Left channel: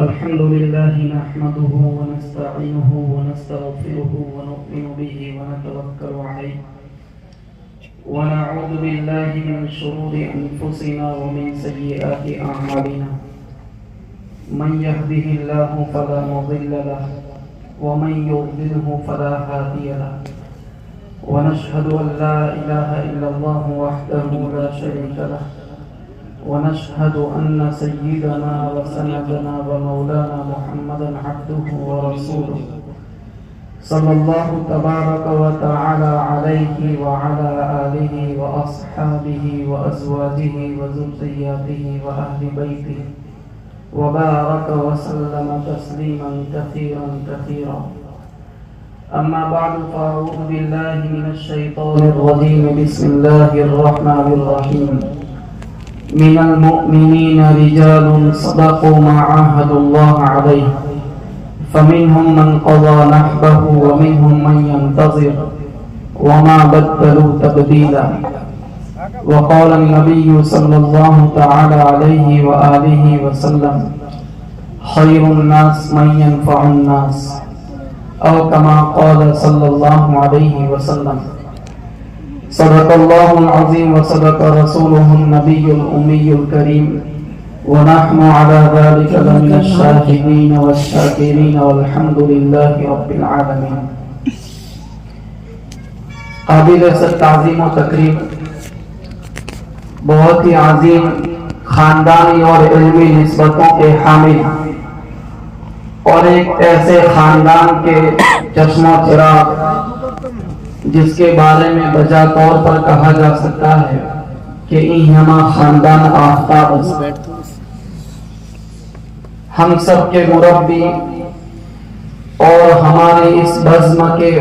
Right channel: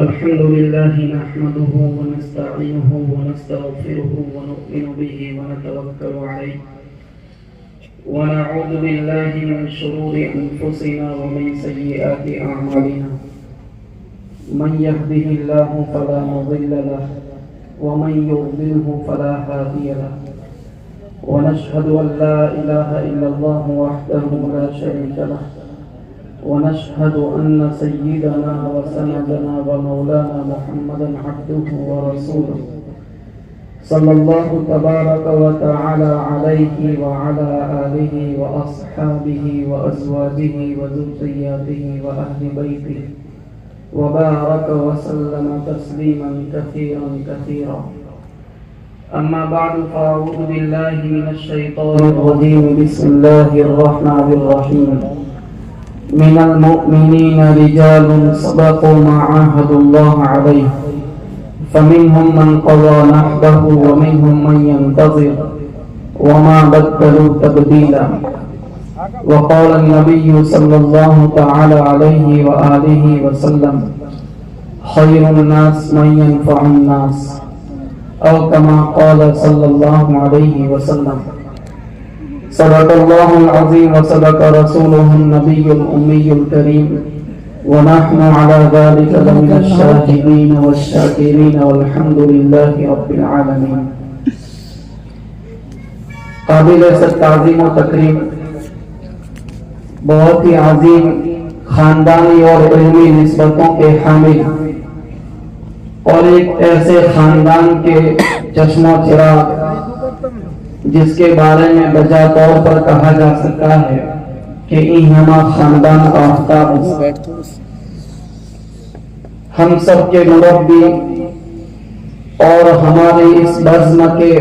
الحمد لله نحمده ونستعينه ونستغفره ونؤمن به ونتوكل عليه ونعوذ بالله من شرور أنفسنا ومن سيئات أعمالنا من يهده الله فلا مضل له ومن يضلله فلا هادي له ونشهد أن لا إله إلا الله وحده لا شريك له ونشهد أن سيدنا وسندنا ومولانا محمدا عبده ورسوله صلى الله تبارك وتعالى عليه وعلى آله وأصحابه وأزواجه وذرياته وأهل بيته وبارك وسلم تسليما كثيرا كثيرا. أما بعد فأعوذ بالله من الشيطان الرجيم. بسم الله الرحمن الرحيم. من المؤمنين رجال صدقوا ما عاهدوا الله عليه فمنهم من قضى نحبه ومنهم من ينتظر وما بدلوا تبديلا. وقال النبي صلى الله تعالى عليه وآله وسلم خير الناس من ينفع الناس أو كما قال صلى الله عليه وسلم. صدق الله العظيم وصدق رسوله النبي الأمي الكريم ونحن على ذلك لمن الشاهدين والشاكرين والحمد لله رب العالمين. قابل تعظیم و تکریم بہت ہی عظیم خاندانی اور علمی نسبتوں کے حامل اور ایک ایسے خاندان کے چشم و چراغ جس کے بارے میں بجا طور پر کہا جا سکتا ہے کہ اینہما خاندان کا آفتاب. ہم سب کے مربی اور ہمارے اس بزم کے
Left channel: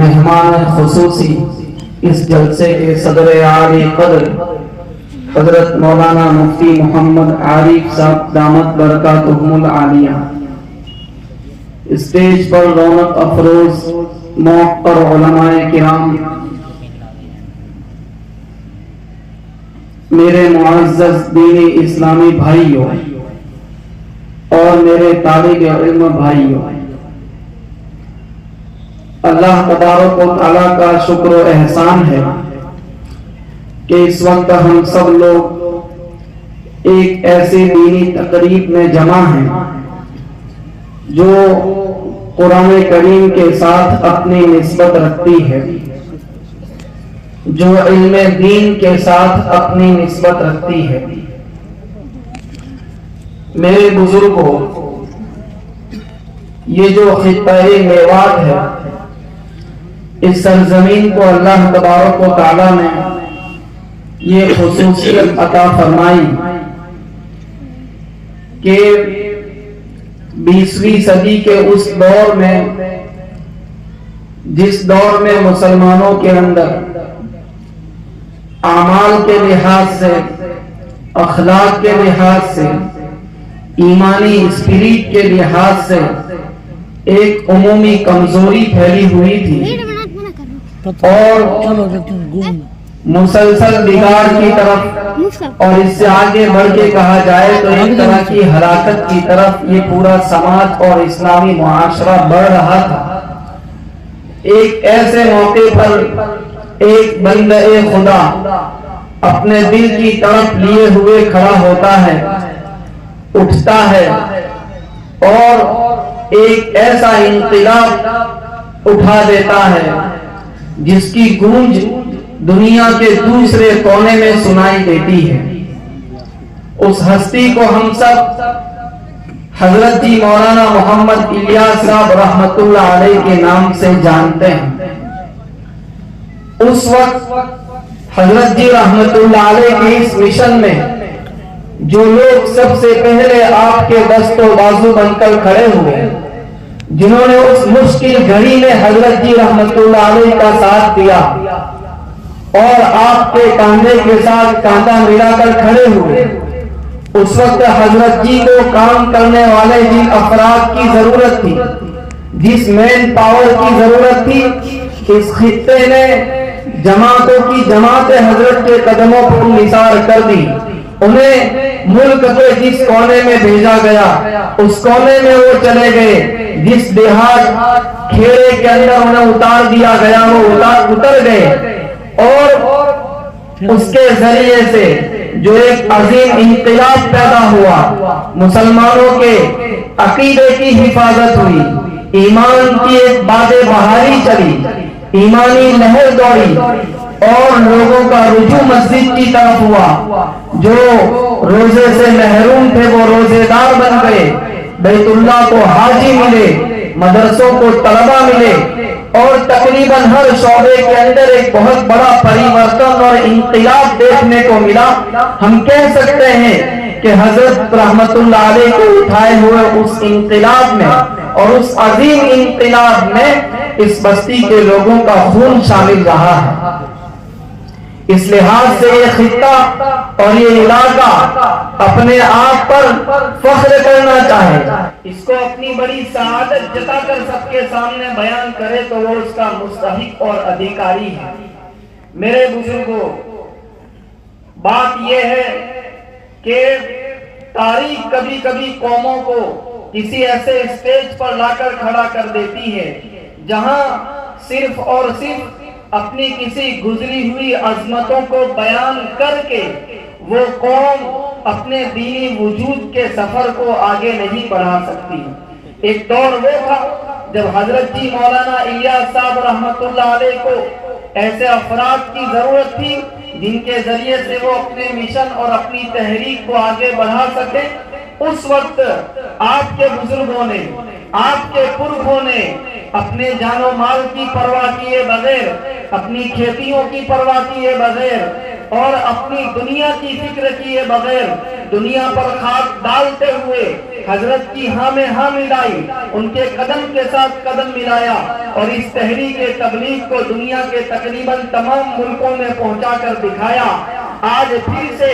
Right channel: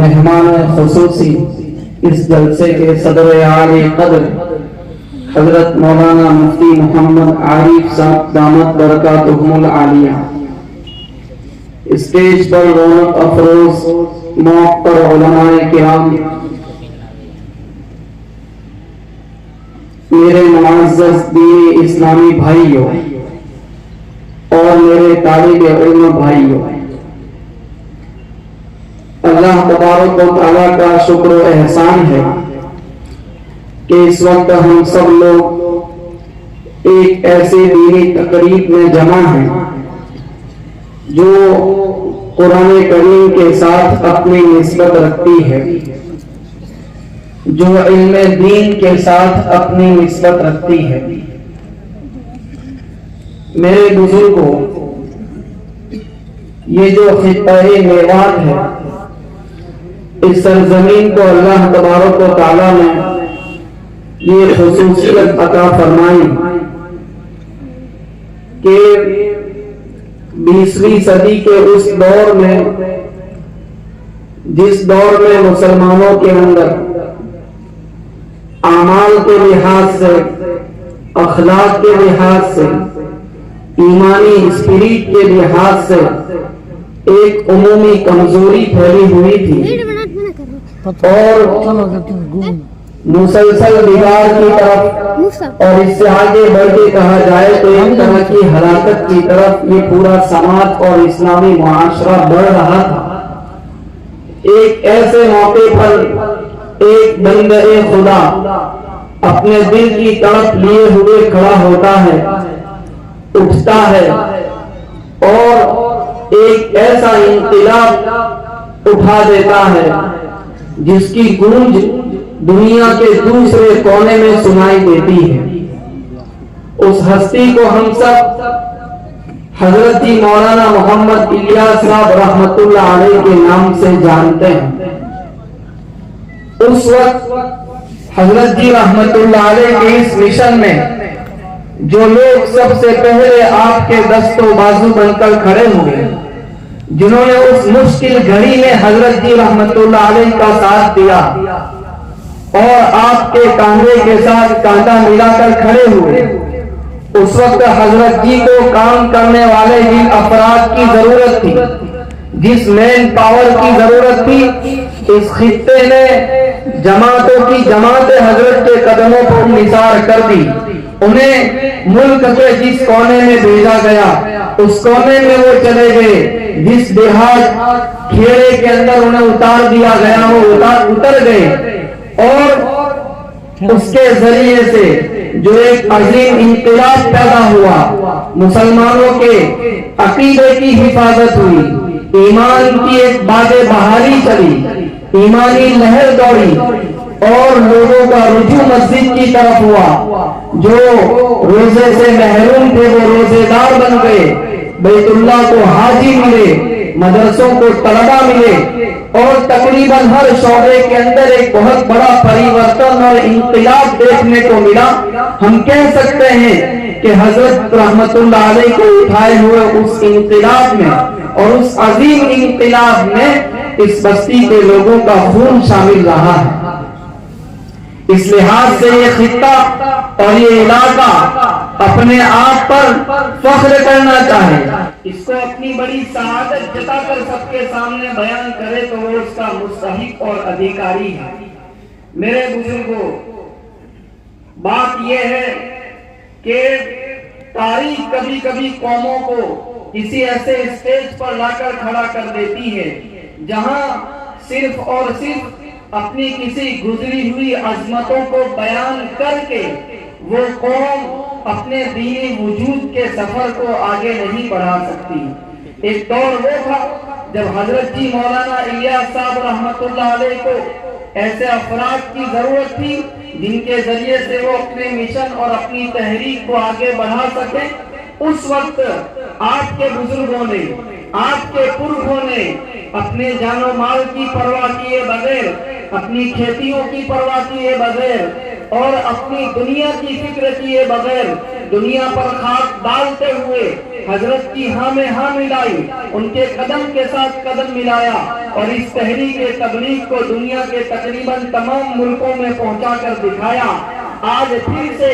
مہمان خصوصی اس جلسے کے صدر عالی قدر حضرت مولانا مفتی محمد عارف صاحب دامت برکاتہم العالیہ، اسٹیج پر رونق افروز موقع پر علماء کرام، میرے معزز دینی اسلامی بھائیوں اور میرے طالب علم بھائیوں، اللہ تبارک و تعالیٰ کا شکر و احسان ہے کہ اس وقت ہم سب لوگ ایک ایسے دینی تقریب میں جمع ہیں جو قرآن کریم کے ساتھ اپنی نسبت رکھتی ہے، جو علم دین کے ساتھ اپنی نسبت رکھتی ہے. میرے بزرگوں، یہ جو خطہ میوات ہے، اس سرزمین کو اللہ تبارک و تعالیٰ نے یہ خصوصیت عطا فرمائی کہ 20ویں صدی کے اس دور میں، جس دور میں مسلمانوں کے اندر اعمال کے لحاظ سے، اخلاق کے لحاظ سے، ایمانی اسپرٹ کے لحاظ سے ایک عمومی کمزوری پھیلی ہوئی تھی اور مسلسل بگاڑ کی طرف، اور اس سے آگے بڑھ کے کہا جائے تو ایک طرح کی ہلاکت کی طرف یہ پورا سماج اور اسلامی معاشرہ بڑھ رہا تھا. ایک ایسے موقع پر ایک بندہ خدا اپنے دل کی طرف لیے ہوئے کھڑا ہوتا ہے، اٹھتا ہے اور ایک ایسا انقلاب اٹھا دیتا ہے جس کی گونج دنیا کے دوسرے کونے میں سنائی دیتی ہے. اس ہستی کو ہم سب حضرت جی مولانا محمد الیاس صاحب رحمت اللہ علیہ کے نام سے جانتے ہیں. اس وقت حضرت جی رحمت اللہ علیہ کے اس مشن میں جو لوگ سب سے پہلے آپ کے دست و بازو بن کر کھڑے ہوئے، جنہوں نے اس مشکل گھڑی میں حضرت جی رحمت اللہ علیہ کا ساتھ دیا اور آپ کے کاندھے کے ساتھ کاندھا ملا کر کھڑے ہوئے، اس وقت حضرت جی کو کام کرنے والے جن افراد کی ضرورت تھی جس مین پاور کی ضرورت تھی اس خطے نے جماعتوں کی جماعت حضرت کے قدموں پر نثار کر دی. انہیں ملک کے جس کونے میں بھیجا گیا اس کونے میں وہ چلے گئے. جس دیہات کھیرے کے اندر انہیں اتار دیا گیا وہ اتر گئے اور اس کے ذریعے سے جو ایک عظیم انقلاب پیدا ہوا, مسلمانوں کے عقیدے کی حفاظت ہوئی, ایمان کی ایک باد بہاری چلی, ایمانی لہر دوڑی اور لوگوں کا رجوع مسجد کی طرف ہوا. جو روزے سے محروم تھے وہ روزے دار بن گئے, بیت اللہ کو حاجی ملے, مدرسوں کو طلبہ ملے اور تقریباً ہر شعبے کے اندر ایک بہت بڑا پریورتن اور انقلاب دیکھنے کو ملا. ہم کہہ سکتے ہیں کہ حضرت رحمت اللہ علیہ کو اٹھائے ہوئے اس انقلاب میں اور اس عظیم انقلاب میں اس بستی کے لوگوں کا خون شامل رہا ہے. اس لحاظ سے یہ خطہ اور یہ علاقہ اپنے آپ پر فخر کرنا چاہے, اس کو اپنی بڑی سعادت جتا کر سب کے سامنے بیان کرے تو وہ اس کا مستحق اور ادھیکاری ہے. میرے بزرگوں, بات یہ ہے کہ تاریخ کبھی کبھی قوموں کو کسی ایسے اسٹیج پر لا کر کھڑا کر دیتی ہے جہاں صرف اور صرف اپنی کسی گزری ہوئی عظمتوں کو بیان کر کے وہ قوم اپنے دینی وجود کے سفر کو آگے نہیں بڑھا سکتی. ایک دور وہ تھا جب حضرت جی مولانا الیاس صاحب رحمت اللہ علیہ کو ایسے افراد کی ضرورت تھی جن کے ذریعے سے وہ اپنے مشن اور اپنی تحریک کو آگے بڑھا سکیں. اس وقت آپ کے بزرگوں نے, آپ کے پرکھوں نے اپنے جان و مال کی پرواہ کیے بغیر, اپنی کھیتیوں کی پرواہ کیے بغیر اور اپنی دنیا کی فکر کیے بغیر دنیا پر خاک ڈالتے ہوئے حضرت کی ہاں میں ہاں ملائی, ان کے قدم کے ساتھ قدم ملایا اور اس تحریک تبلیغ کو دنیا کے تقریباً تمام ملکوں میں پہنچا کر دکھایا. آج پھر سے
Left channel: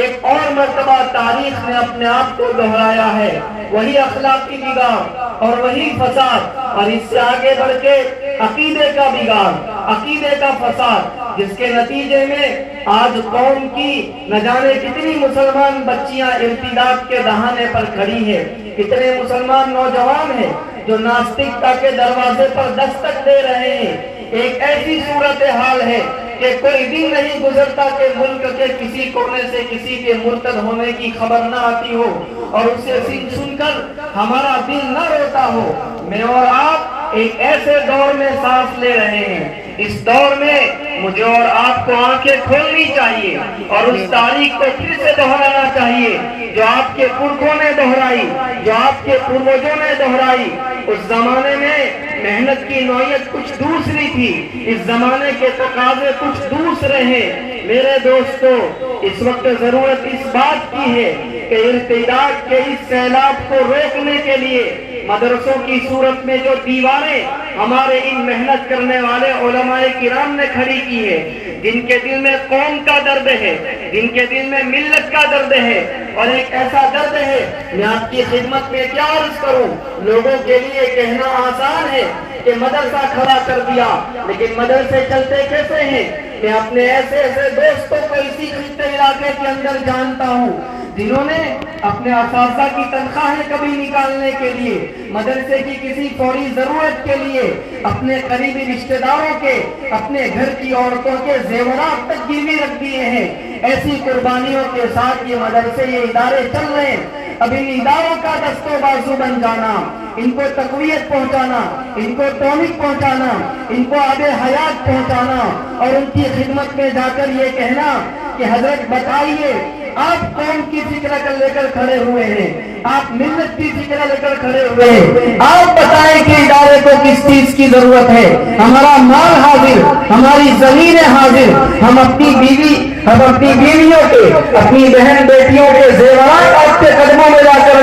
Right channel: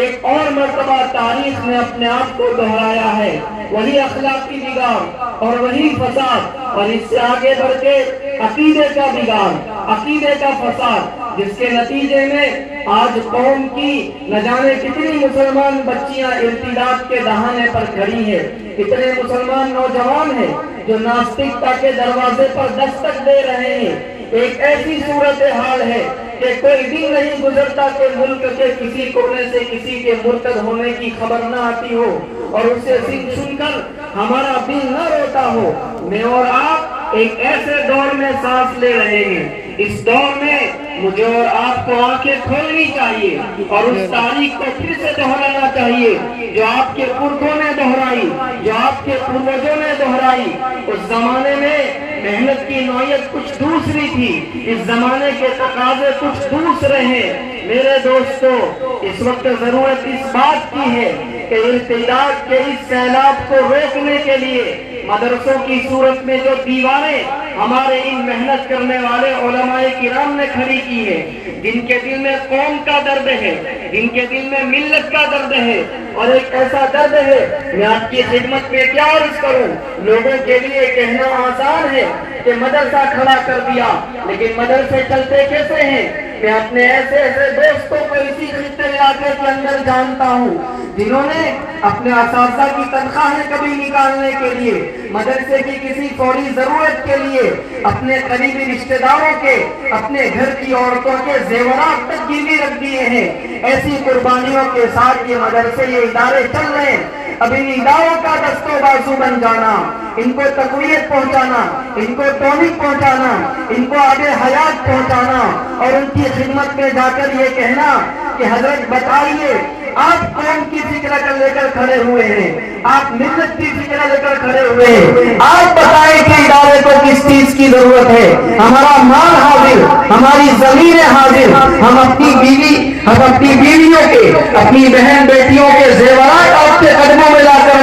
ایک اور مرتبہ تاریخ نے اپنے آپ کو دہرایا ہے, وہی اخلاق کی بگاڑ اور وہی فساد, اور اس سے آگے بڑھ کے عقیدے کا بگاڑ, عقیدے کا فساد, جس کے نتیجے میں آج قوم کی نہ جانے کتنی مسلمان بچیاں ارتداد کے دہانے پر کھڑی ہیں, کتنے مسلمان نوجوان ہیں جو ناستکتا کے دروازے پر دستک دے رہے ہیں. ایک ایسی صورتحال ہے کہ کوئی دن نہیں گزرتا کہ ملک کے کسی کونے سے کسی کے مرتد ہونے کی خبر نہ آتی ہو اور اسے سن کر ہمارا دل نہ روتا ہو. میں اور آپ ایک ایسے دور میں سانس لے رہے ہیں. اس دور میں مجھے اور آپ کو آنکھیں کھولنی چاہیے اور اس تاریخ کو پھر سے دہرانا چاہیے جو آپ کے پرکھوں نے دہرائی, جو آپ کے پروجوں نے دہرائی. اس زمانے میں محنت کی نوعیت کچھ دوسری تھی, اس زمانے کے تقاضے کچھ دوسرے ہیں. میرے دوستو, اس وقت ضرورت اس بات کی ہے کہ ارتداد کے اس سیلاب کو روکنے کے لیے مدرسوں کی صورت میں جو دیواریں ہمارے ان محنت کرنے والے علماء کرام نے کھڑی کی ہے, جن کے دل میں قوم کا درد ہے, جن کے دل میں ملت کا درد ہے اور ایک ایسا درد ہے, میں آپ کی خدمت میں کیا عرض کروں. لوگوں کے لیے کہنا آسان ہے کہ مدرسہ کھڑا کر دیا, لیکن مدرسے چلتے کیسے ہیں؟ میں اپنے ایسے دوستوں کو اسی خطے علاقے کے اندر جانتا ہوں جنہوں نے اپنے اساتذہ کی تنخواہیں کبھی نکالنے کے لیے, مدرسے کی کسی فوری ضرورت کے لیے اپنے قریبی رشتہ داروں کے, اپنے گھر کی عورتوں کے زیورات تک گروی رکھ دیے ہیں. ایسی قربانیوں کے ساتھ یہ مدرسے, یہ ادارے چل رہے ہیں. اب ان اداروں کا دست و بازو بن جانا, ان کو تقویت پہنچانا, ان کو ٹونک پہنچانا, ان کو آب حیات پہنچانا اور ان کی خدمت میں جا کر یہ کہنا کہ حضرت بتائیے آپ قوم کی فکر لے کر کھڑے ہوئے ہیں, آپ ملت کی فکر لے کر کھڑے ہوئے ہیں, آپ بتائیں کہ ادارے کو کس چیز کی ضرورت ہے. ہمارا مال حاضر, ہماری زمینیں حاضر, ہم اپنی بیوی, ہم اپنی بیویوں کے, اپنی بہن بیٹیوں کے زیورات آپ کے قدموں میں لا کر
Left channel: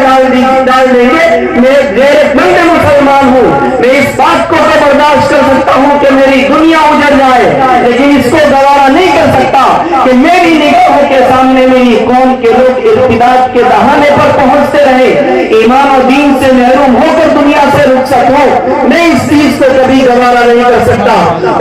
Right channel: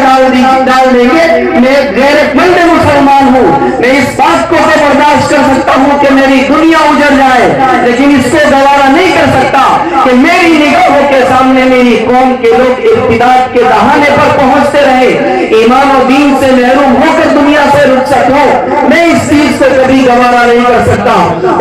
ڈال دیں گے. میں غیرت مند مسلمان ہوں, میں اس بات کو برداشت کر سکتا ہوں کہ میری دنیا اجڑ جائے, لیکن اس سے گوارا نہیں کر سکتا کہ میری نگاہوں کے سامنے میری قوم کے لوگ ارتداد کے دہانے پر پہنچتے رہے, ایمان و دین سے محروم ہو کر دنیا سے رخصت حیثیت ہو میں اس چیز کو کبھی گوارا نہیں کر سکتا.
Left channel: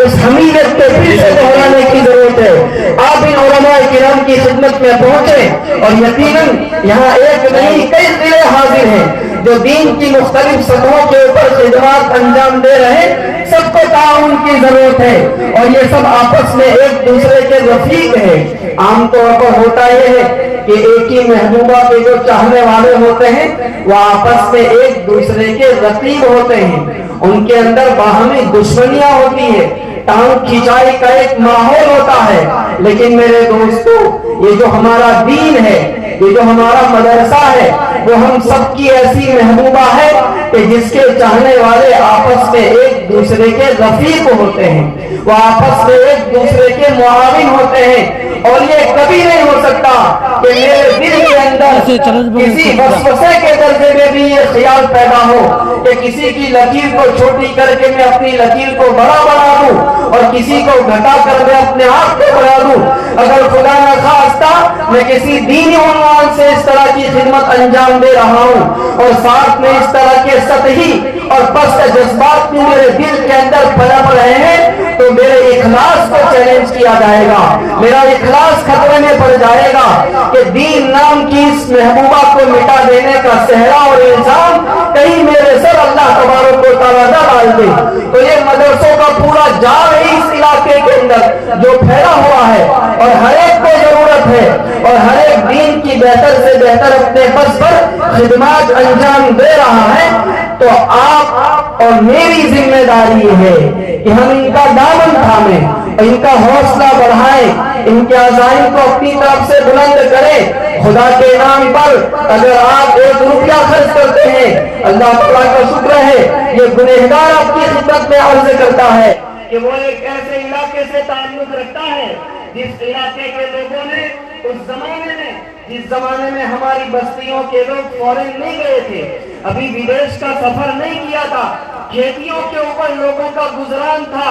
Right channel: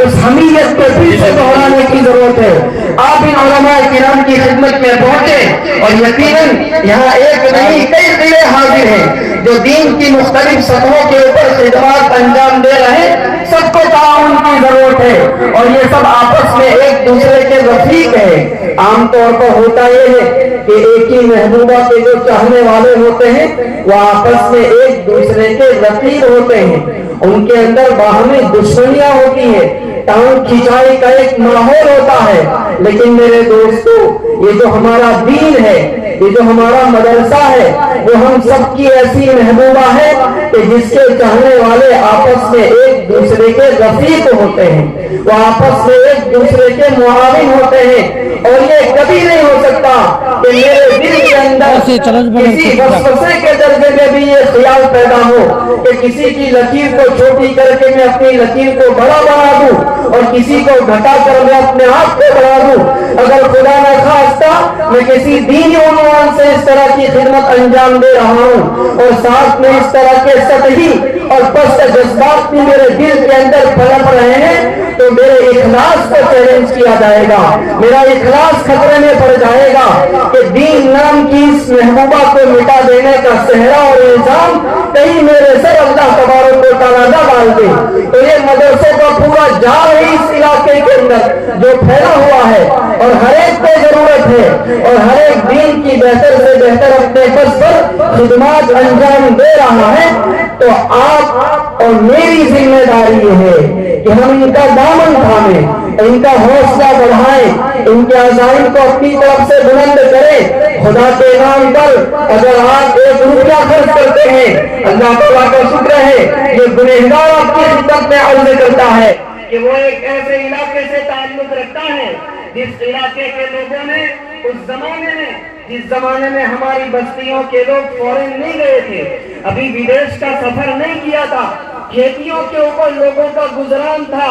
اس حمیت کو پھر سے دہرانے کی ضرورت ہے. آپ ان علماء کرام کی خدمت میں پہنچے اور یقیناً یہاں ایک نہیں کئی قلعے حاضر ہیں جو دین کی مختلف سطحوں کے اوپر خدمات انجام دے رہے ہیں. سب کو تعاون کی ضرورت ہے اور یہ سب آپس میں ایک دوسرے کے رفیق ہیں. عام طور پر ہوتا یہ ہے کہ ایک ہی محبوبہ کے جو چاہنے والے ہوتے ہیں وہ آپس میں ایک دوسرے کے رقیب ہوتے ہیں. ان کے اندر باہمی دشمنیاں ہوتی ہیں, ٹانگ کھینچائی کا ایک ماحول ہوتا ہے. لیکن میرے دوستو, یہ جو ہمارا دین ہے, یہ جو ہمارا مدرسہ ہے, وہ ہم سب کی ایسی محبوبہ ہے کہ جس کے چاہنے والے آپس میں ایک دوسرے کے رفیق ہوتے ہیں, وہ آپس میں ایک دوسرے کے معاون ہوتے ہیں. اور یہ کبھی نہیں ہو سکتا کہ میرے دل کے اندر کسی وسوسے کے درجے میں بھی یہ خیال پیدا ہو کہ کسی کی لکیر کو چھوٹی کر کے میں اپنی لکیر کو بڑا بنا دوں اور کسی کو گھٹا کر میں اپنے آپ کو بڑھا دوں. اگر خدا نہ خواستہ میں کسی دینی عنوان سے اس طرح کی خدمت انجام دے رہا ہوں اور ساتھ میں اس طرح کے سطحی اور پست جذبات بھی میرے دل کے اندر پنپ رہے ہیں تو میرے اخلاص کو چیلنج کیا جائے گا, میرا اخلاص خطرے میں پڑ جائے گا کہ دین نام کی اس محبوبہ کو مٹا دینے کا صحرا اور الزام کہیں میرے سر اللہ تبارک و تعالیٰ نہ ڈال دے. تو یہ مدرسوں کا پورا جال اس علاقے کے اندر جو پھیلا ہوا ہے اور ہر ایک کو ضرورت ہے اور ہر ایک دین کی بہتر سے بہتر اپنے بس پر خدمات انجام دے رہا ہے, تو آپ اور میری ذمہ داری یہ ہے کہ ہم ان کا دامن تھامیں, ان کا حوصلہ بڑھائیں, ان کے عزائم کو اپنی طرف سے بلند کریں. خدا کے نام پر اگر آپ 1 روپیہ خرچ کرتے ہیں, اللہ تعالیٰ کا شکر ہے, یہ گنہگار آپ کی خدمت میں عرض کرتا ہے کہ وہ ایک ایسے علاقے سے تعلق رکھتا ہے جس علاقے کے لوگوں نے اس زمانے میں, جس زمانے میں ہماری بستیوں کے لوگ فورن نہیں گئے تھے, ابھی ودیش کا سفر نہیں کیا تھا, کھیتیوں کے اوپر لوگوں کا گزران تھا,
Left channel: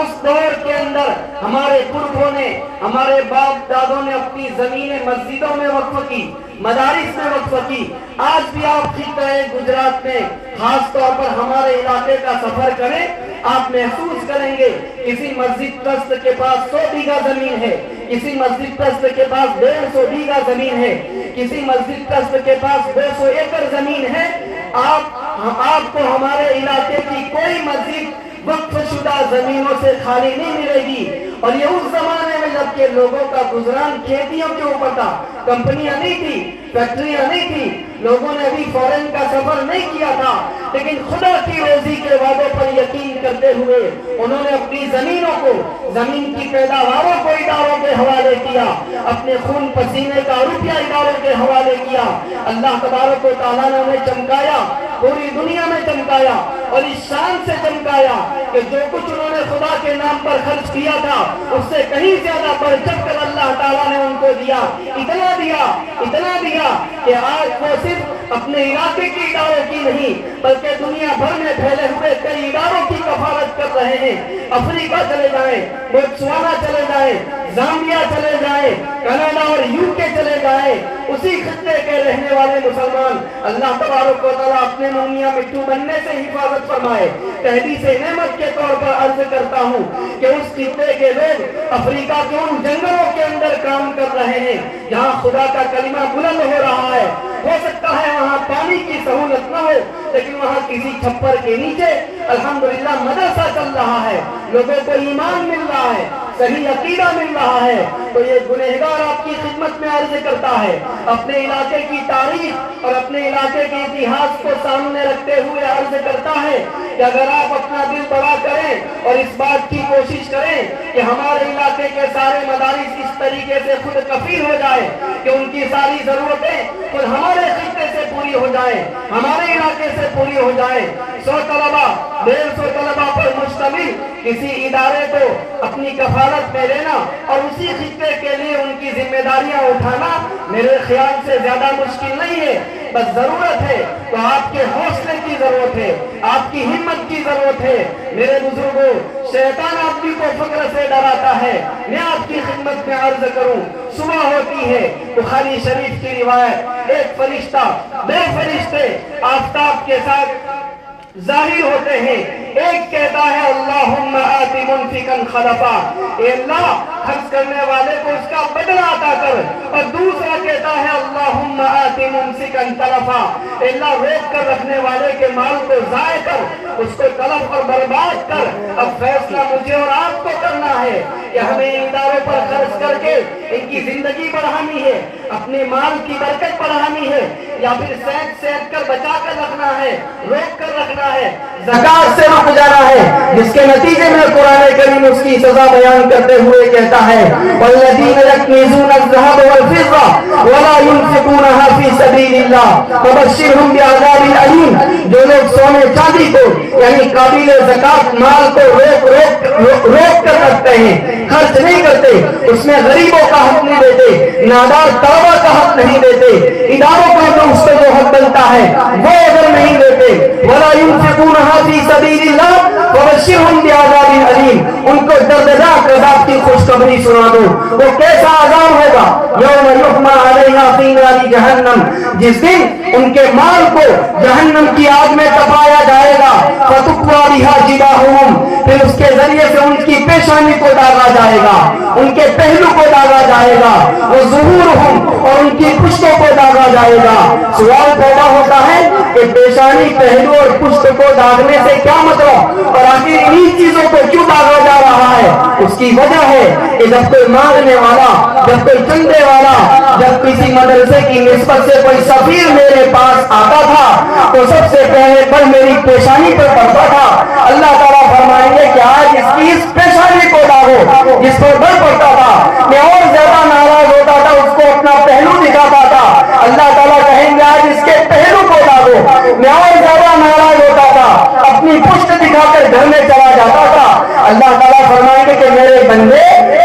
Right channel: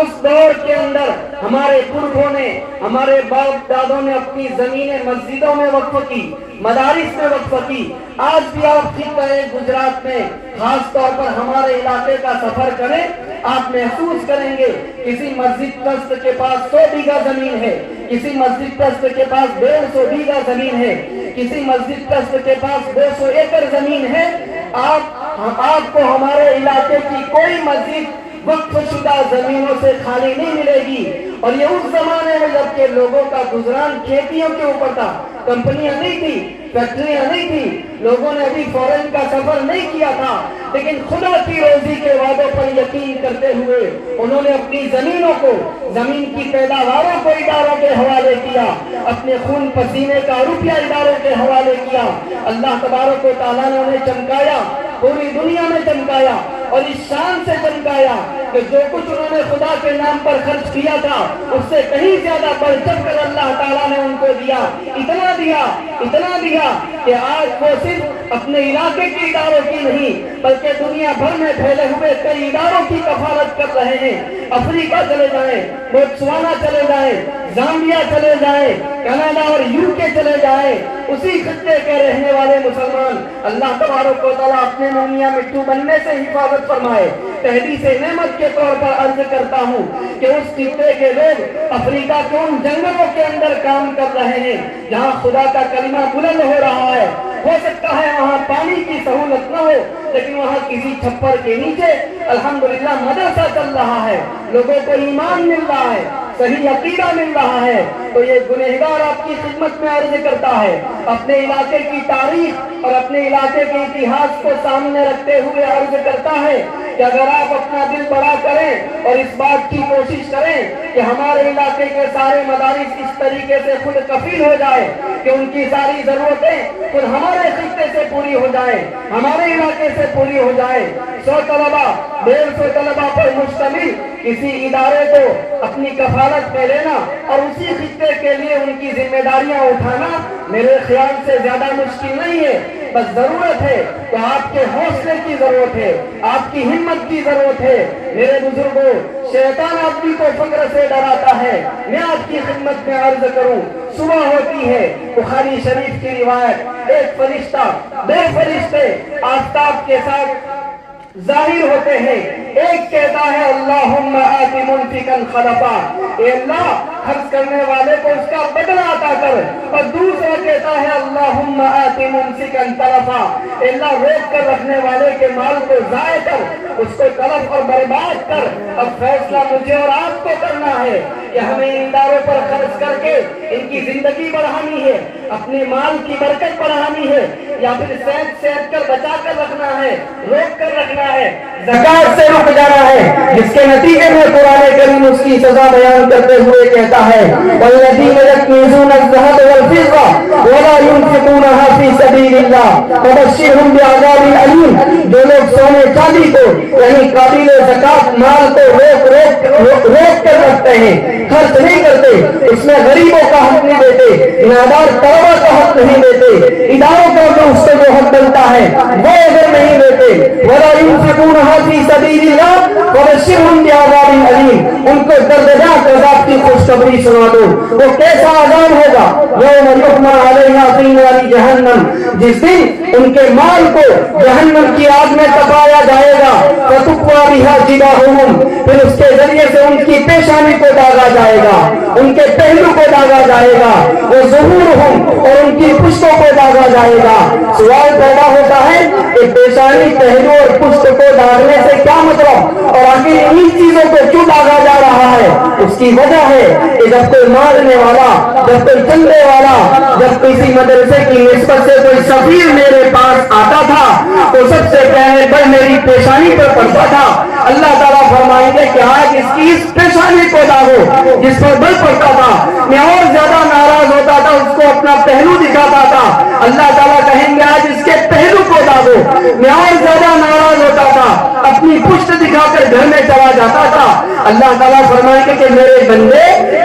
اس دور کے اندر ہمارے پرکھوں نے, ہمارے باپ دادوں نے اپنی زمینیں مسجدوں میں وقف کی, مدارس میں وقف کی. آج بھی آپ خطہ گجرات میں خاص طور پر ہمارے علاقے کا سفر کریں, آپ محسوس کریں گے کسی مسجد ٹرسٹ کے پاس 100 بیگھہ زمین ہے, کسی مسجد ٹرسٹ کے پاس 150 بیگھہ زمین ہے, کسی مسجد ٹرسٹ کے پاس 200 ایکڑ زمین ہے. آپ کو ہمارے علاقے کی کوئی مسجد وقف شدہ زمینوں سے خالی نہیں ملے گی. اور یہ اس زمانے میں جب کہ لوگوں کا گزران کھیتیوں کے اوپر تھا, کمپنیاں نہیں تھی, فیکٹریاں نہیں تھی, لوگوں نے ابھی فورن کا سفر نہیں کیا تھا, لیکن خدا کی روزی کے وعدوں پر یقین کرتے ہوئے انہوں نے اپنی زمینوں کو, زمین کی پیداواروں کو اداروں کے حوالے کیا, اپنے خون پسینے کا روپیہ اداروں کے حوالے کیا. اللہ تبارک و تعالیٰ نے انہیں چمکایا, پوری دنیا میں چمکایا اور اس شان سے چمکایا کہ جو کچھ انہوں نے خدا کے نام پر خرچ کیا تھا اس سے کہیں زیادہ بڑھ چڑھ کر اللہ تعالیٰ نے ان کو دیا. اتنا دیا کہ آج وہ صرف اپنے علاقے کی اداروں کی نہیں بلکہ دنیا بھر میں پھیلے ہوئے کئی اداروں کی کفالت کر رہے ہیں. افریقہ چلے جائیں, بوتسوانا چلے جائیں, زامبیا چلے جائیں, کینیڈا اور UK چلے جائیں, اسی خطے کے رہنے والے مسلمان اللہ تبارک و تعالیٰ اپنے مومیا مٹھو بننے سے حفاظت فرمائے. تحدیث نعمت کے طور پر عرض کرتا ہوں کہ اس خطے کے لوگ افریقہ کے ان جنگلوں کے اندر کام کر رہے ہیں جہاں خدا کا کلمہ بلند ہو رہا ہے. ہو سکتا ہے وہاں پانی کی سہولت نہ ہو, لیکن وہاں کسی چھپر کے نیچے الحمدللہ مدرسہ چل رہا ہے, لوگوں کو ایمان مل رہا ہے, صحیح عقیدہ مل رہا ہے. تو یہ گنہگار آپ کی خدمت میں عرض کرتا ہے, اپنے علاقے کی تاریخ اور اپنے علاقے کے اتہاس کو سامنے رکھتے ہوئے عرض کرتا ہے کہ اگر آپ اپنا دل بڑا کریں اور اس بات کی کوشش کریں کہ ہمارے علاقے کے سارے مدارس اس طریقے سے خود کفیل ہو جائے کہ ان کی ساری ضرورتیں خود ہمارے خطے سے پوری ہو جائیں, ہمارے علاقے سے پوری ہو جائیں. 100 طلبہ 150 طلبہ پر مشتمل کسی ادارے کو اپنی کفالت میں لینا اور اسی خطے کے لیے ان کی ذمہ داریاں اٹھانا میرے خیال سے زیادہ مشکل نہیں ہے. بس ضرورت ہے تو آپ کے حوصلے کی ضرورت ہے, آپ کی ہمت کی ضرورت ہے. میرے بزرگوں, شیطان آدمی کو فقر سے ڈراتا ہے. میں آپ کی خدمت میں عرض کروں, صبح ہوتی ہے بخاری شریف کی روایت, ایک فرشتہ 2 فرشتے آفتاب کے ساتھ ظاہر ہوتے ہیں. ایک کہتا ہے اللہم آت منفقا خلفا، اے اللہ خرچ کرنے والے کو اس کا بدلہ عطا کر، اور دوسرا کہتا ہے اللہم آت ممسکا تلفا، اے اللہ روک کر رکھنے والے کے مال کو ضائع کر، اس کو تلف اور برباد کر. اب فیصلہ مجھے اور آپ کو کرنا ہے کہ ہمیں اداروں پر خرچ کر کے ان کی زندگی بڑھانی ہے، اپنے مال کی برکت بڑھانی ہے، یا پھر صحت کر بچا کر رکھنا ہے، روک کر رکھنا ہے، زکات سے رک جانا ہے، جس کے نتیجے میں قرآن کریم اس کی سزا بیان کرتے ہوئے کہتا ہے والذین یکنزون الذهب والفضة ولا ينفقونها في سبيل الله فبشرهم بعذاب أليم. جو لوگ سونے چاندی کو یعنی قابل زکات مال کو روک کر رکھتے ہیں، خرچ نہیں کرتے، اس میں غریبوں کا حق نہیں دیتے، نادار طلبا کا حق نہیں دیتے، اداروں کا جو اس سے جو حق بنتا ہے وہ اگر نہیں دیتے، ولا ينفقونها في سبيل الله فبشرهم بعذاب أليم، ان کو دردناک عذاب کی خوشخبری سنا دو. وہ کیسا عذاب ہوگا؟ یوم یحمى عليها في نار جہنم، جس دن ان کے مال کو جہنم کی آگ میں تپایا جائے گا. فتقوى بها جباههم، پھر اس کے ذریعے سے ان کی پیشانی کو داغا جائے گا، ان کے پہلو کو داغا جائے گا، وظهورهم، اور ان کی پشتوں کو داغا جائے گا. سوال پیدا ہوتا ہے کہ پیشانی، پہلو اور پشت کو داغنے سے کیا مطلب، اور آخر انہی چیزوں کو کیوں داغا جا رہا ہے؟ اس کی وجہ ہے کہ جب کوئی مانگنے والا، جب کوئی چندے والا، جب کسی مدرسے کی نسبت سے کوئی سفیر میرے پاس آتا تھا تو سب سے پہلے بل میری پیشانی پر پڑتا تھا. اللہ تعالیٰ فرمائیں گے کہ آج اس کی اس پیشانی کو داغو جس پر بل پڑتا تھا. میں اور زیادہ ناراض ہوتا تھا، اس کو اپنا پہلو دکھاتا تھا، اللہ تعالیٰ کہیں گے آج اس کے پہلو کو داغو. میں اور زیادہ ناراض ہوتا تھا، اپنی پشت دکھا کر گھر میں چلا جاتا تھا. اللہ تعالیٰ فرمائیں گے کہ میرے بندے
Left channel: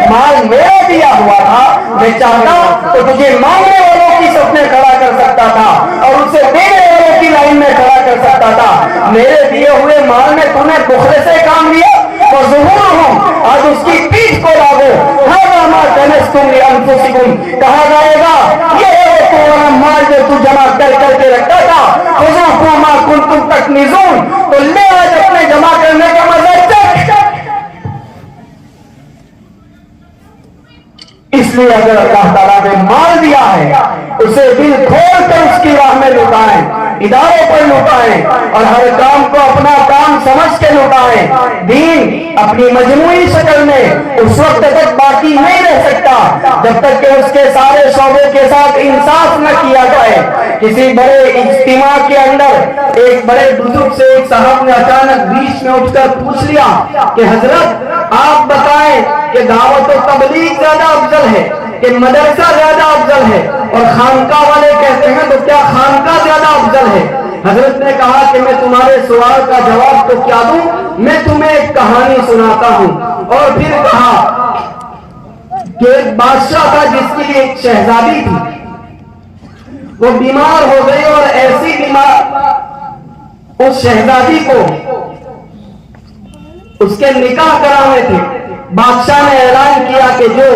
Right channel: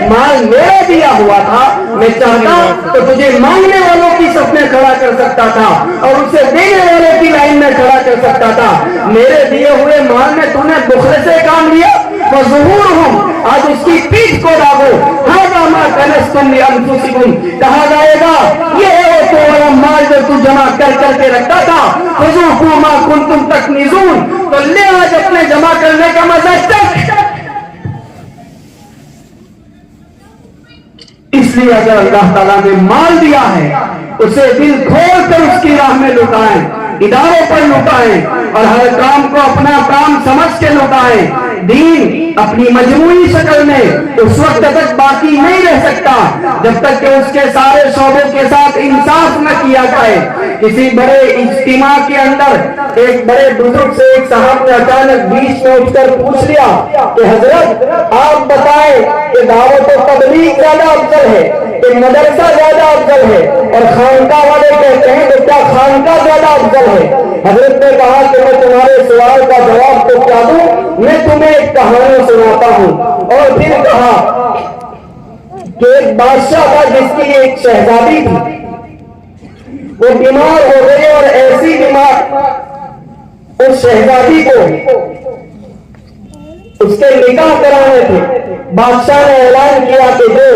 مال میرا دیا ہوا تھا، میں چاہتا تو تجھے مانگنے والوں کی صف میں کھڑا کر سکتا تھا اور اسے دینے والوں کی لائن میں کھڑا کر سکتا تھا. میرے دیے ہوئے مال میں تم نے بخل سے کام لیا، فظہورہم، آج اس کی پیٹھ کو داغو. ھذا ما کنزتم لانفسکم، کہا جائے گا یہ ہے تمہارا مال جو تو جمع کر کے رکھتا تھا. فذوقوا ما کنتم تکنزون، تو لے آج اپنے جمع کرنے کا مزہ چکھ. اس لیے اگر اللہ تعالیٰ نے مال دیا ہے اسے دل کھول کر اس کی راہ میں لٹائیں، اداروں پر لٹائیں، اور ہر کام کو اپنا کام سمجھ کے لٹائیں. دین اپنی مجموعی شکل میں اس وقت تک باقی نہیں رہ سکتا جب تک کہ اس کے سارے شعبوں کے ساتھ انصاف نہ کیا جائے. کسی بڑے اجتماع کے اندر ایک بڑے بزرگ سے ایک صاحب نے اچانک بیچ میں اٹھ کر پوچھ لیا کہ حضرت آپ بتائیں کہ دعوت و تبلیغ زیادہ افضل ہے کہ مدرسہ زیادہ افضل ہے، اور خانقاہ والے کہتے ہیں تو کیا خانقاہ زیادہ افضل ہے؟ حضرت نے کہا کہ میں تمہارے سوال کا جواب تو کیا دوں، میں تمہیں ایک کہانی سناتا ہوں. اور پھر کہا کہ ایک بادشاہ تھا جس کی ایک شہزادی تھی، وہ بیمار ہو گئی، اور ایسی بیمار اس شہزادی کو اس کے نکاح کرانے تھے. بادشاہ نے اعلان کیا کہ جو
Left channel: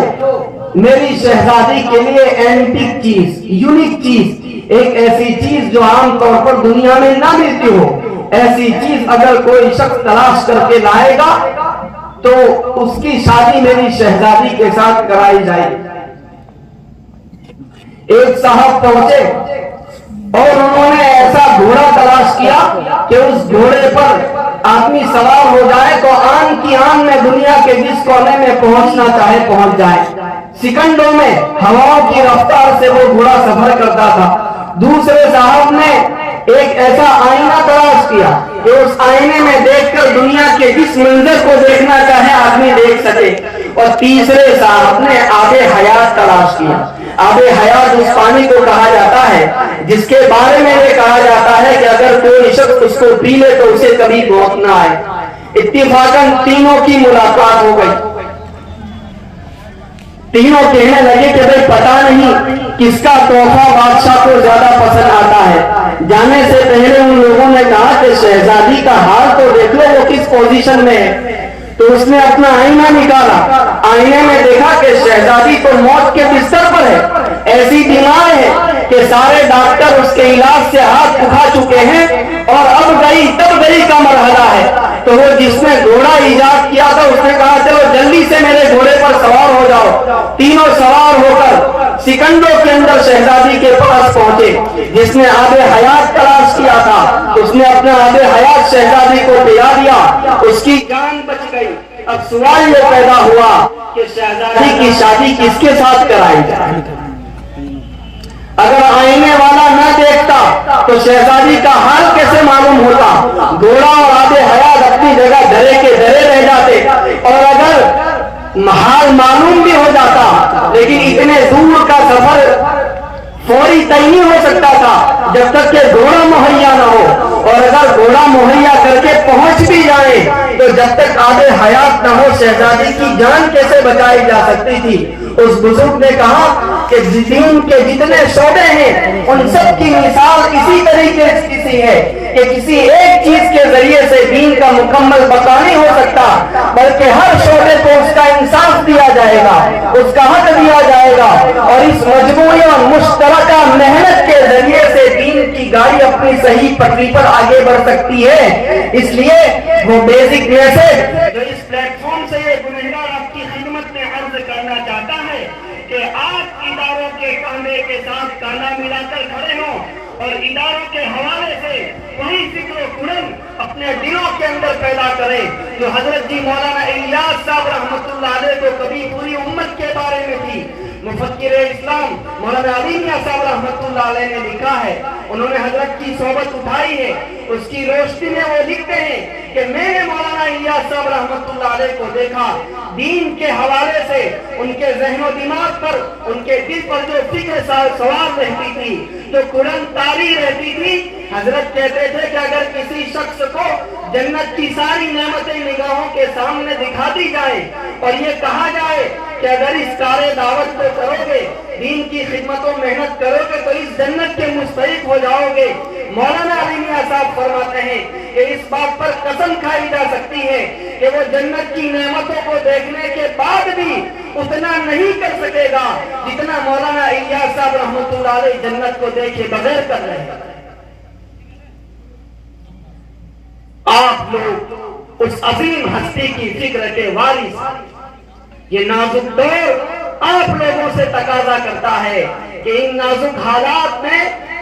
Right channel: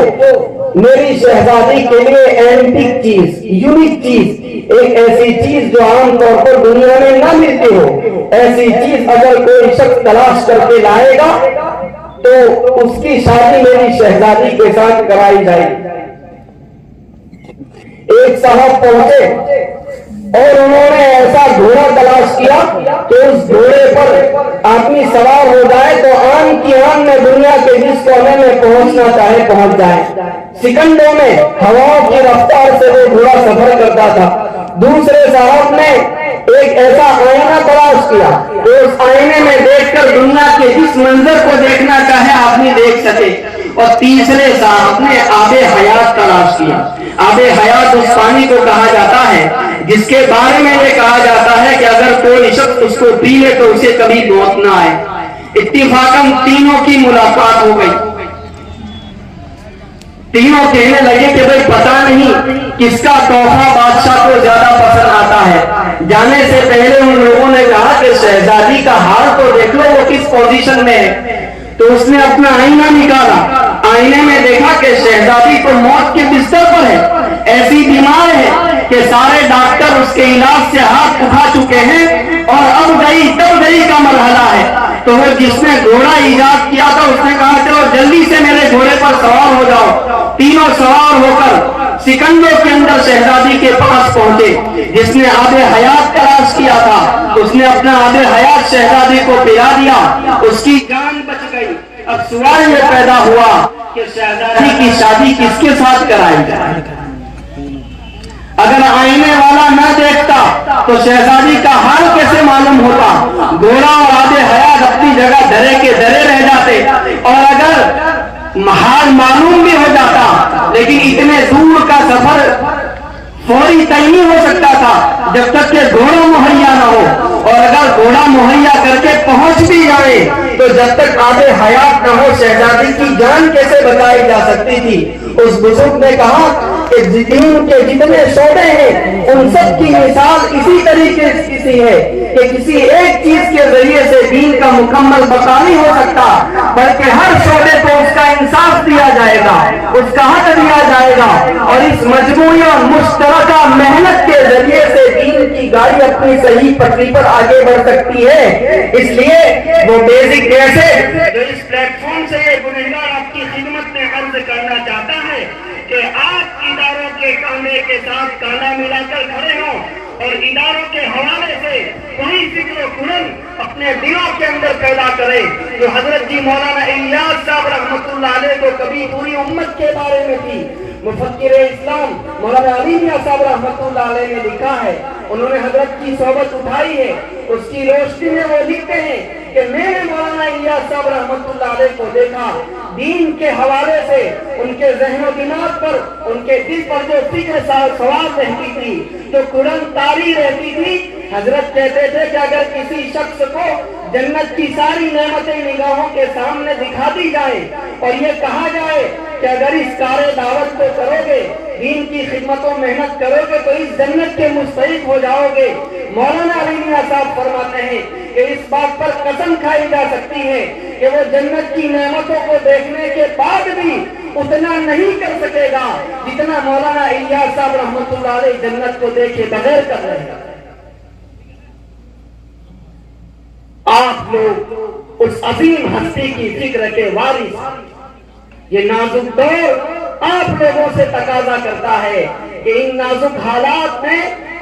میری شہزادی کے لیے اینٹک چیز، یونیک چیز، ایک ایسی چیز جو عام طور پر دنیا میں نہ ملتی ہو، ایسی چیز اگر کوئی شخص تلاش کر کے لائے گا تو اس کی شادی میری شہزادی کے ساتھ کرائی جائے گی. ایک صاحب پہنچے اور انہوں نے ایسا گھوڑا تلاش کیا کہ اس گھوڑے پر آدمی سوار ہو جائے تو آن کی آن میں دنیا کے جس کونے میں پہنچنا چاہے پہنچ جائے. سیکنڈوں میں ہواؤں کی رفتار سے وہ گھوڑا سفر کرتا تھا. دوسرے صاحب نے ایک ایسا آئینہ تلاش کیا کہ اس آئینے میں دیکھ کر دنیا کے جس منظر کو دیکھنا چاہے آدمی دیکھ سکے. اور تیسرے صاحب نے آب حیات تلاش کیا. آب حیات اس پانی کو کہا جاتا ہے جس کے بارے میں یہ کہا جاتا ہے کہ اگر کوئی شخص اس کو پی لے تو اسے کبھی موت نہ آئے. اتفاقاً تینوں کی ملاقات ہو گئی. تینوں کہنے لگے کہ بھائی پتہ نہیں کس کا تحفہ بادشاہ کو زیادہ پسند آتا ہے. جانے سے پہلے ان لوگوں نے کہا کہ شہزادی کا حال تو دیکھ لو وہ کس پوزیشن میں ہے. تو اس نے اپنا آئینہ نکالا، آئینے میں دیکھا کہ شہزادی تو موت کے بستر پر ہے، ایسی بیمار ہے کہ سارے ڈاکٹر اس کے علاج سے ہاتھ اٹھا چکے ہیں اور اب گئی تب گئی کا مرحلہ ہے، تو وہ جس نے گھوڑا ایجاد کیا تھا اس نے کہا چلو جلدی سے میرے گھوڑے پر سوار ہو جاؤ۔ تینوں سوار ہو کر سکنڈوں کے اندر شہزادی کے پاس پہنچے۔ جس نے آب حیات تلاش کیا تھا اس نے اپنا آب حیات شہزادی کو پلا دیا، اس کی جان بچ گئی۔ اب سوال یہ پیدا ہوا کہ شہزادی کی شادی کس کے ساتھ کرائی جائے؟ اگر آئینے والا نہ دیکھتا تو شہزادی کا حال کیسے معلوم ہوتا؟ گھوڑا اور آب حیات اپنی جگہ دھرے کے دھرے رہ جاتے، اور اگر حال معلوم بھی ہو جاتا لیکن اتنے دور کا سفر فوری طے نہیں ہو سکتا تھا جب تک کہ گھوڑا مہیا نہ ہو، اور اگر گھوڑا مہیا کر کے پہنچ بھی جائے تو جب تک آب حیات نہ ہو شہزادی کی جان کیسے بچائی جا سکتی تھی؟ اس بزرگ نے کہا کہ دین کے جتنے شعبے ہیں ان سب کی مثال اسی طریقے سے ہے کہ کسی ایک چیز کے ذریعے سے دین کا مکمل بقا نہیں ہو سکتا، بلکہ ہر شعبے کو اس کا انصاف دیا جائے گا، اس کا حق دیا جائے گا، اور اس مجموعی اور مشترکہ محنت کے ذریعے سے دین کی گاڑی اپنی صحیح پٹری پر آگے بڑھ سکتی ہے۔ اس لیے وہ بیسک میسج جو اس پلیٹ فارم سے یہ گنہگار آپ کی خدمت میں عرض کرنا چاہتا ہے کہ آپ اداروں کے کانے کے ساتھ کانا ملا کر کھڑے ہوں اور اداروں کے حوالے سے وہی فکر و قرن اپنے دلوں کے اندر پیدا کریں جو حضرت جی مولانا الیاس صاحب رحمۃ اللہ علیہ کو کبھی پوری امت کے بارے میں تھی۔ مفکر اسلام مولانا علی میاں صاحب رحمۃ اللہ علیہ نے لکھا ہے، انہوں نے حضرت کی صحبت اٹھائی ہے، اس کی روشنی میں وہ لکھتے ہیں کہ میں نے مولانا الیاس صاحب رحمۃ اللہ علیہ کو دیکھا، دین کے حوالے سے ان کے ذہن و دماغ پر، ان کے دل پر جو فکر سوال رہتی تھی، جو قرآن تاری رہتی تھی، حضرت کہتے تھے کہ اگر کسی شخص کو جنت کی ساری نعمتیں نگاہوں کے سامنے دکھا دی جائیں اور یہ کہا جائے کہ اگر اس کار دعوت کو کرو گے، دین کی خدمت و محنت کرو گے تو اس جنت کے مستحق ہو جاؤ گے، مولانا علی میاں صاحب فرماتے ہیں کہ اس بات پر قسم کھائی جا سکتی ہے کہ وہ جنت کی نعمتوں کو دیکھنے کے بعد بھی اتنا نہیں کر سکے گا جتنا مولانا الیاس صاحب رحمۃ اللہ علیہ جنت کو دیکھے بغیر کر رہے ہیں۔ آپ لوگ اس عظیم ہستی کی فکر کے وارث، یہ نازک دور آپ لوگوں سے تقاضا کرتا ہے کہ ان نازک حالات میں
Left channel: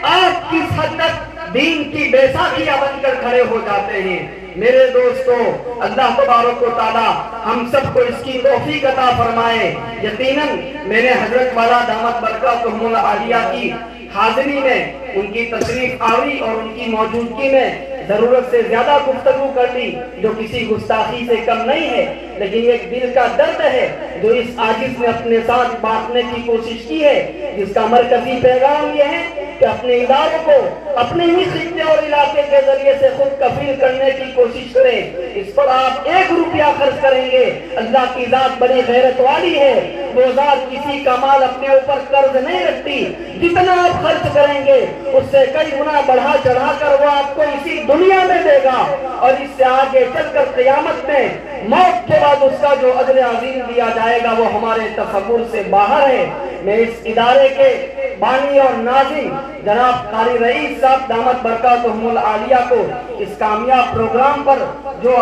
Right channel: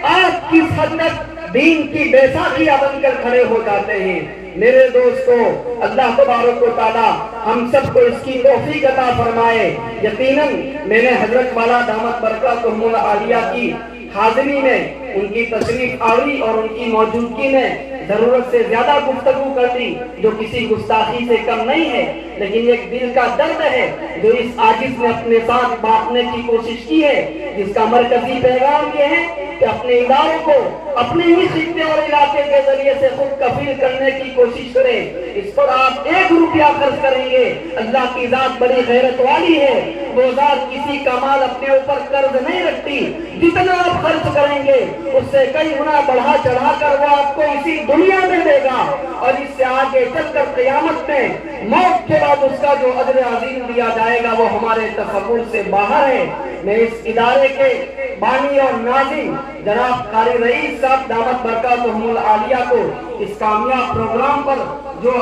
آپ کس حد تک دین کی بیساکھیاں بن کر کھڑے ہو جاتے ہیں۔ میرے دوستو، اللہ تبارک و تعالی ہم سب کو اس کی توفیق عطا فرمائے۔ یقیناً میں نے حضرت والا دامت برکاتہم العالیہ کی حاضری میں، ان کی تشریف آوری اور ان کی موجودگی میں ضرورت سے زیادہ گفتگو کر لی، جو کسی گستاخی سے کم نہیں ہے، لیکن ایک دل کا درد ہے جو اس عاجز میں اپنے ساتھ بانٹنے کی کوشش کی ہے، جس کا مرکزی پیغام یہ ہے کہ اپنے اداروں کو اپنے ہی خطے اور علاقے کے ذریعے سے خود کفیل کرنے کی کوشش کریں۔ اس پر آپ 1 روپیہ خرچ کریں گے، اللہ کی ذات بڑی غیرت والی ہے، وہ ذات کسی کا مال اپنے اوپر قرض نہیں رکھتی، جتنا آپ خرچ کریں گے اس سے کئی گنا بڑھا چڑھا کر وہ آپ کو اسی دنیا میں دے گا، اور اس سے آگے چل کر قیامت میں موت کے بعد اس کا جو اجر عظیم دیا جائے گا وہ ہمارے تصور سے باہر ہے۔ میں اس ادارے کے بانی اور ناظم جناب قاری رئیس صاحب دامت برکاتہم العالیہ کو اس کامیاب پروگرام پر جو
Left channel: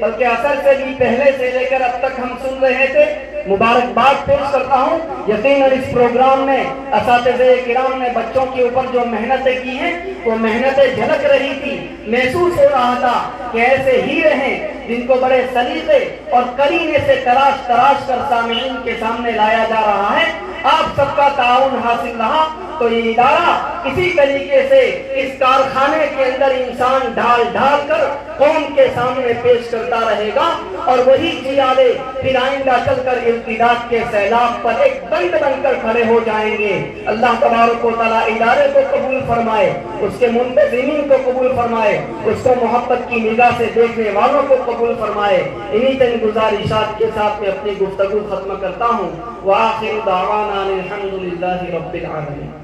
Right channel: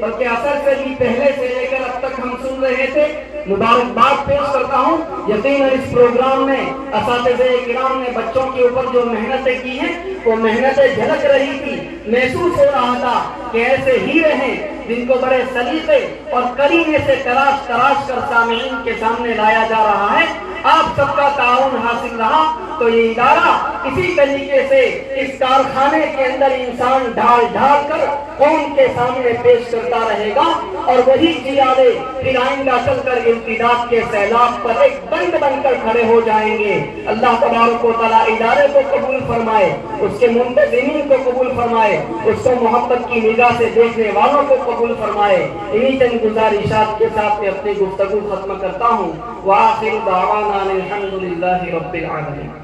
بلکہ اثر سے بھی پہلے سے لے کر اب تک ہم سن رہے تھے، مبارکباد پیش کرتا ہوں۔ یقیناً اس پروگرام میں اساتذہ کرام نے بچوں کے اوپر جو محنتیں کی ہیں وہ محنتیں جھلک رہی تھی، محسوس ہو رہا تھا کہ ایسے ہیرے ہیں جن کو بڑے سلیقے اور کرینے سے تراش کر سامعین کے سامنے لایا جا رہا ہے۔ آپ سب کا تعاون حاصل رہا تو یہ ادارہ اسی طریقے سے اس کارخانے کے اندر انسان ڈھال کر قوم کے سامنے پیش کرتا رہے گا، اور وہی جیالے پھر آئندہ چل کر امتداد کے سیلاب پر ایک بند بن کر کھڑے ہو جائیں گے۔ اللہ تبارک و تعالیٰ ادارے کو قبول فرمائے، اس کے منتظمین کو قبول فرمائے، اس کو محبت کی نگاہ سے دیکھنے والوں کو قبول فرمائے۔ انہی چند گزارشات کے ساتھ میں اپنی گفتگو ختم کرتا ہوں۔ وآخر دعوانا الحمد للہ رب العالمین۔